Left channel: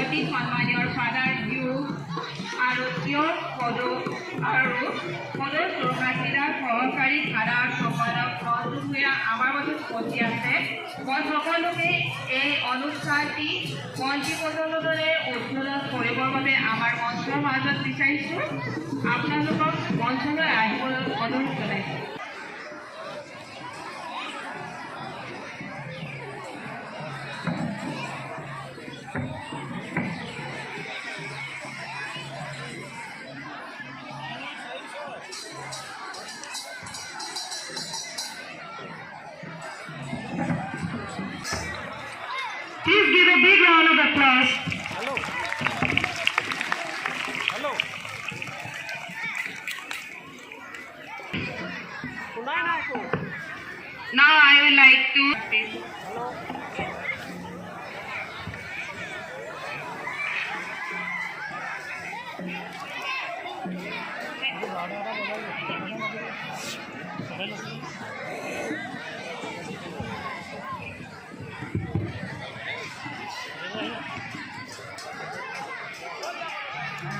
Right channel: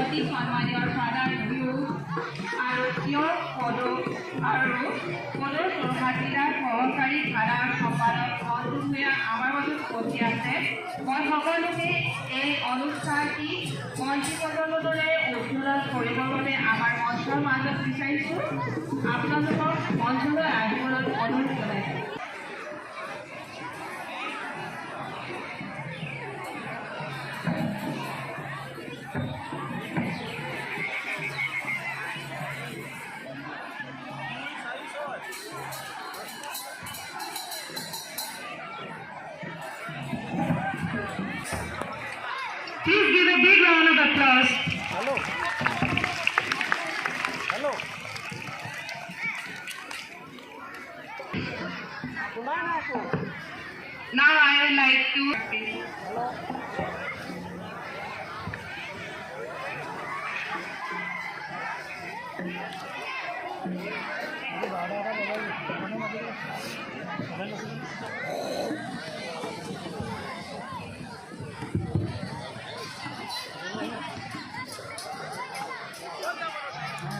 অতি সন্মানীয় ফাদাৰ বিহু আৰু তেওঁৰ পদৰ চৰকাৰীৰ সহকাৰী থানাৰ সম্পাদক বন্ধুয়া আমাৰ মাজত উপস্থিত আছে। মই সকলোকে এই অনুষ্ঠানটি মঞ্চী প্ৰজন্মৰ দৰে উদ্বোধন কৰিবৰ বাবে আমাৰ মঞ্চৰ মাজত বিচাৰিছোঁ। আপোনালোকক মঞ্চলৈ আহিবলৈ অনুৰোধ জনাইছোঁ। Please give a big round of applause. Hello. Now I would like to.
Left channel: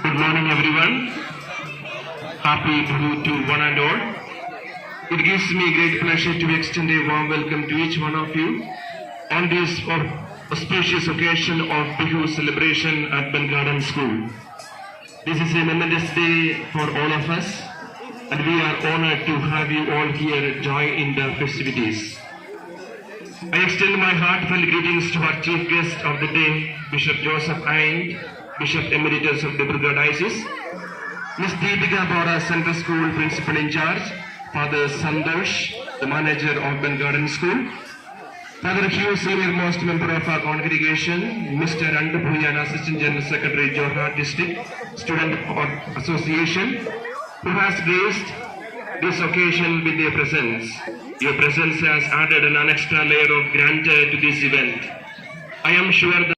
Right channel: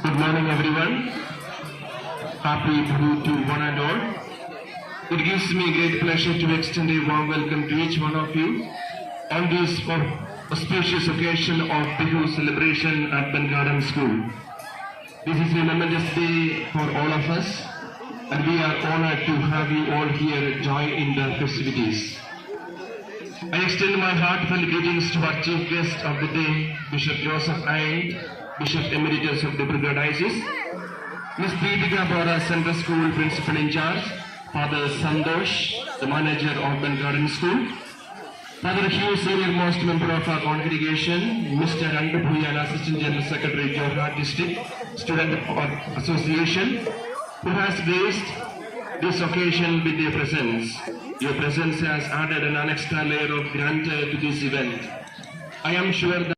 Good morning, everyone. Happy Bihu to one and all. It gives me great pleasure to extend a warm welcome to each one of you on this auspicious occasion of Bihu celebration at Ben Garden School. This is a momentous day for all of us, and we are honored to have you all here join in the festivities. I extend my heartfelt greetings to our chief guest of the day, Bishop Joseph Aind, Bishop Emeritus of the Brugger Diocese, Ms. Deepika Bora, Central School Principal in Charge, Father Sandosh, the Manager of Ben Garden School, Father Hugh, Senior Most Member of our congregation, Mr. Andapuyan, Assistant General Secretary, Jorhat District Student Association, who has graced this occasion with their presence. Your presence has added an extra layer of grandeur to this event. I am sure that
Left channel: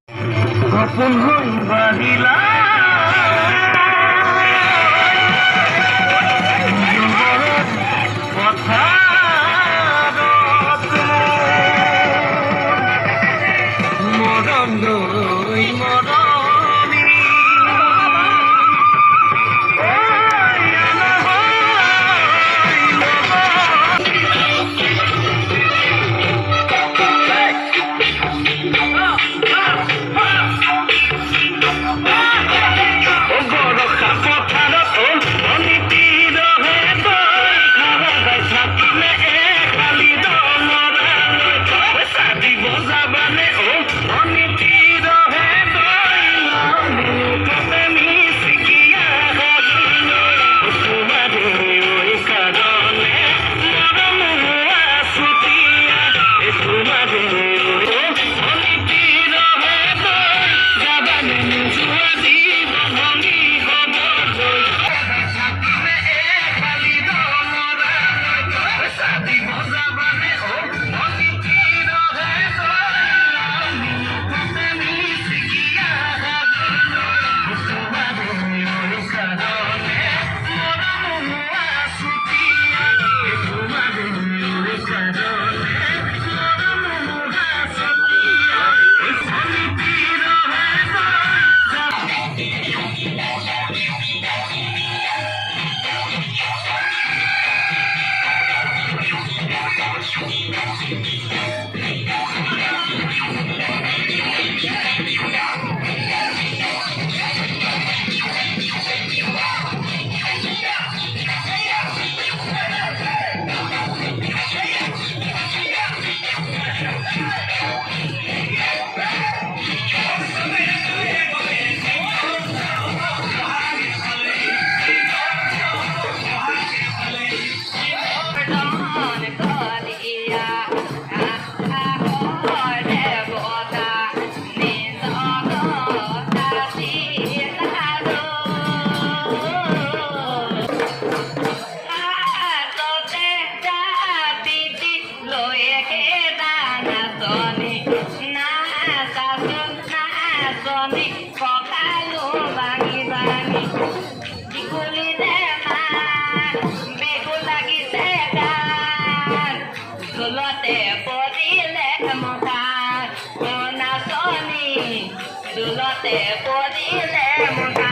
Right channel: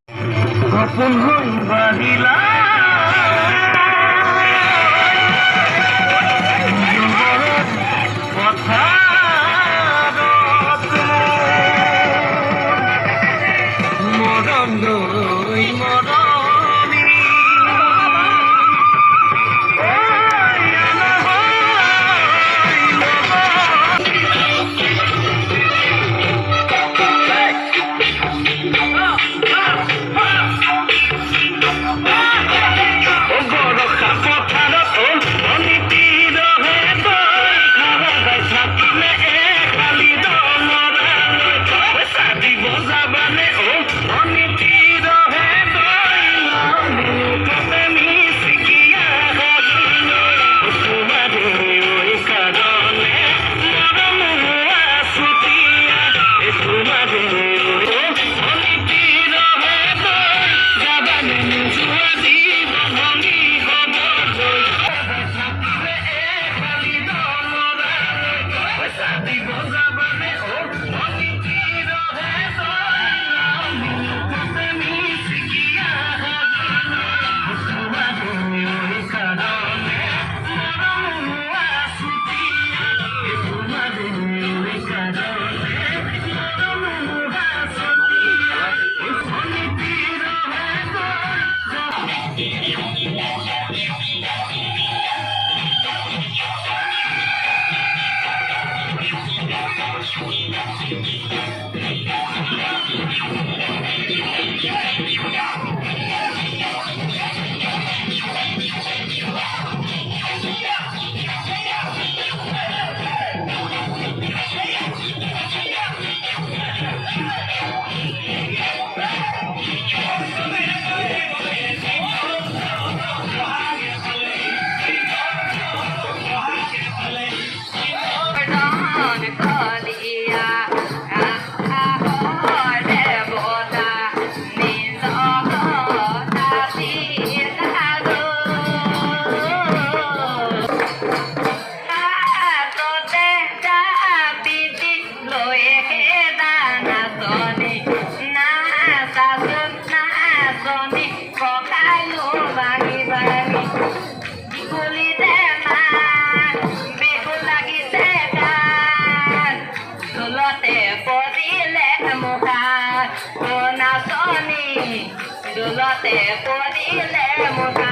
Te podile mojar, una sonita. দোলতে পড়িলে মোনা